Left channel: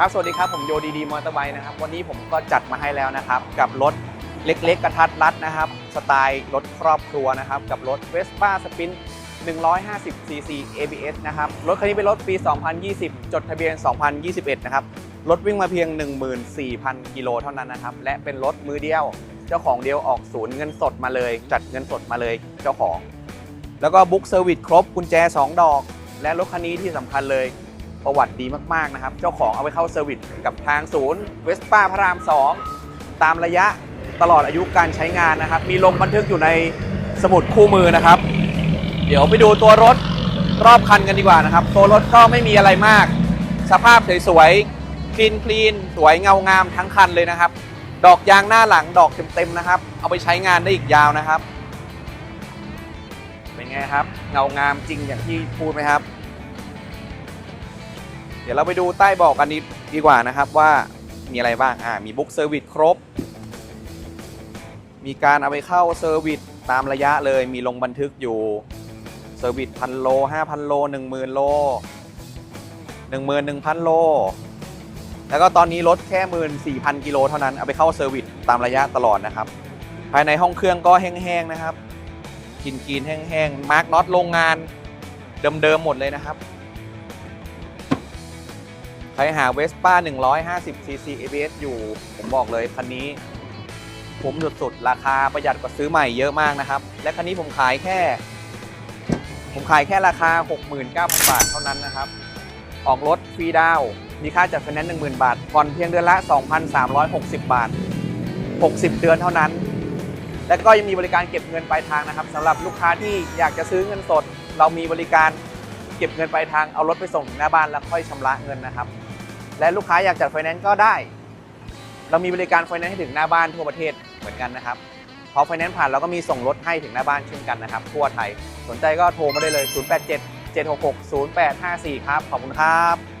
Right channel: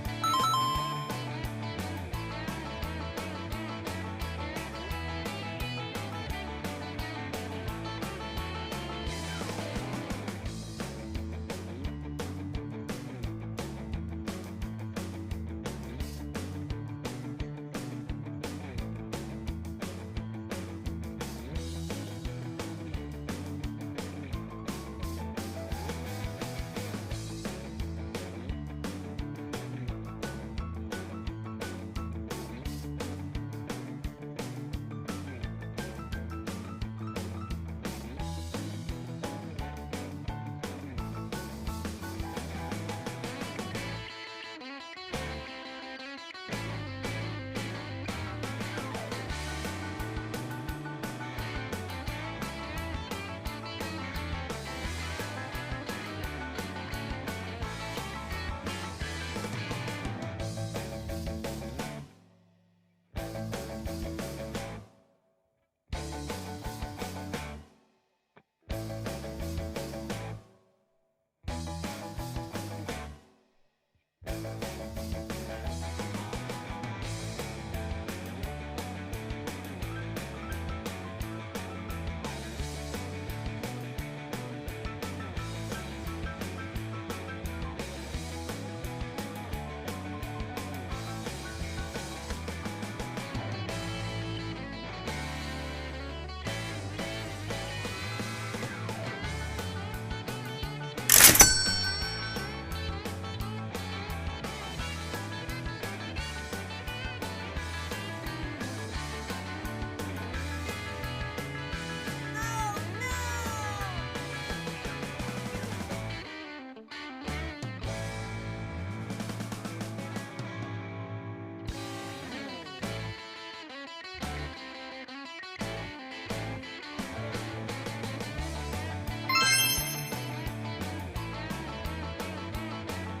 ครับ สวัสดีครับ ผมโยดีดีมอเตอร์ไบค์นะครับ วันนี้ผมก็จัดมาให้แล้วนะครับ กับรถเล็กๆ กระทัดรัดนะครับ สไตล์รถครอบครัวนะครับ กับรถ Vespa Spin 150 cc ABS นะครับ รถคันนี้เป็นรถปี 2020 จดทะเบียน 2021 นะครับ รถวิ่งมาเพียง 14,000 กิโลเท่านั้นนะครับ และเป็นรถมือเดียว เจ้าของเดียวออกศูนย์เงินสดมาเลย จัดเงินสดมาเลยเจ้าของ แล้วก็บุ๊กเซอร์วิสครบกุญแจ 2 ดอก และรถคันนี้ที่สำคัญเลย ประวัติดีมากๆนะครับ เจ้าของเอาไปเข้าเซอร์วิสกับทางศูนย์เวสป้าพระราม 2 ตามระยะตลอดอายุการใช้งานนะครับ มีลงบันทึกอยู่ในสมุดคู่มือนะครับ เดี๋ยวไปดูตัวรถรอบคันกันดีกว่านะครับ ตัวรถก็ไม่มีอะไรมาก สภาพสวยๆคลีนคลีนสวยเงางามทั้งคันเลยนะครับ ดอกยางหน้าหลังดอกเต็มๆนะครับ เอาไปใช้งานได้อีกยาวนะครับ เป็นไงครับ เงางามจริงอย่างที่พูดไหมครับ ดี๋ยวเราไปดูใต้บอกกันดีดีกว่านะครับว่ามีอะไรบ้างอ่ามีบุ๊กเซอร์วิสครบ มีการเอาไปเข้าเซอร์วิสตามระยะเลยมีลงบันทึกอยู่เซอร์วิสพันโลห้าพันโลหนึ่งหมื่นโลหนึ่งหมื่นหนึ่งพันโล แล้วก็ตอนนี้ลดแค่หมื่นสี่พันกิโลเท่านั้นเอาไปเข้าเซอร์วิสตามระยะตลอดนะครับ ภายในห้องเครื่องก็แห้งๆนะครับกินกินๆแห้งๆมาร์กน็อตโรงงานเดิมๆหมดเลยนะครับ ครหา Vespa 150 cc ABS อยู่ ผมบอกเลยคันนี้ผมสุดๆ ราคาประหยัดกว่าซื้อใหม่เยอะมากนะครับ และคันนี้ผมขายแค่ ผมขายแค่ราคา 69,000 บาทเท่านั้นนะครับ ออกรถฟรีดาว มีค่าจัดไฟแนนซ์10,000 บาทผ่อนเพียงเดือนละ 2,360 บาท 60 เดือนเท่านั้น และก็ยังมีบริการเก็บเงินปลายทางนะครับสำหรับลูกค้าที่อยากจะซื้อเงินสด เรามีบริการ เก็บเงินปลายทางเอารถไปส่งถึงหน้าบ้านแล้วค่อยชำระเงินนะครับ และลูกค้าอยากจัดไฟแนนซ์ก็ได้ เรามีบริการไฟแนนซ์ให้ถึงหน้าบ้านทั่วประเทศเหมือนกันนะครับพอไฟแนนซ์ผ่านเราก็มีส่งรถให้ถึงหน้าบ้านเช่นกันนะครับทั่วไทยสนใจก็โทรมาได้เลย 087 766 0854 ครับขอบคุณครับ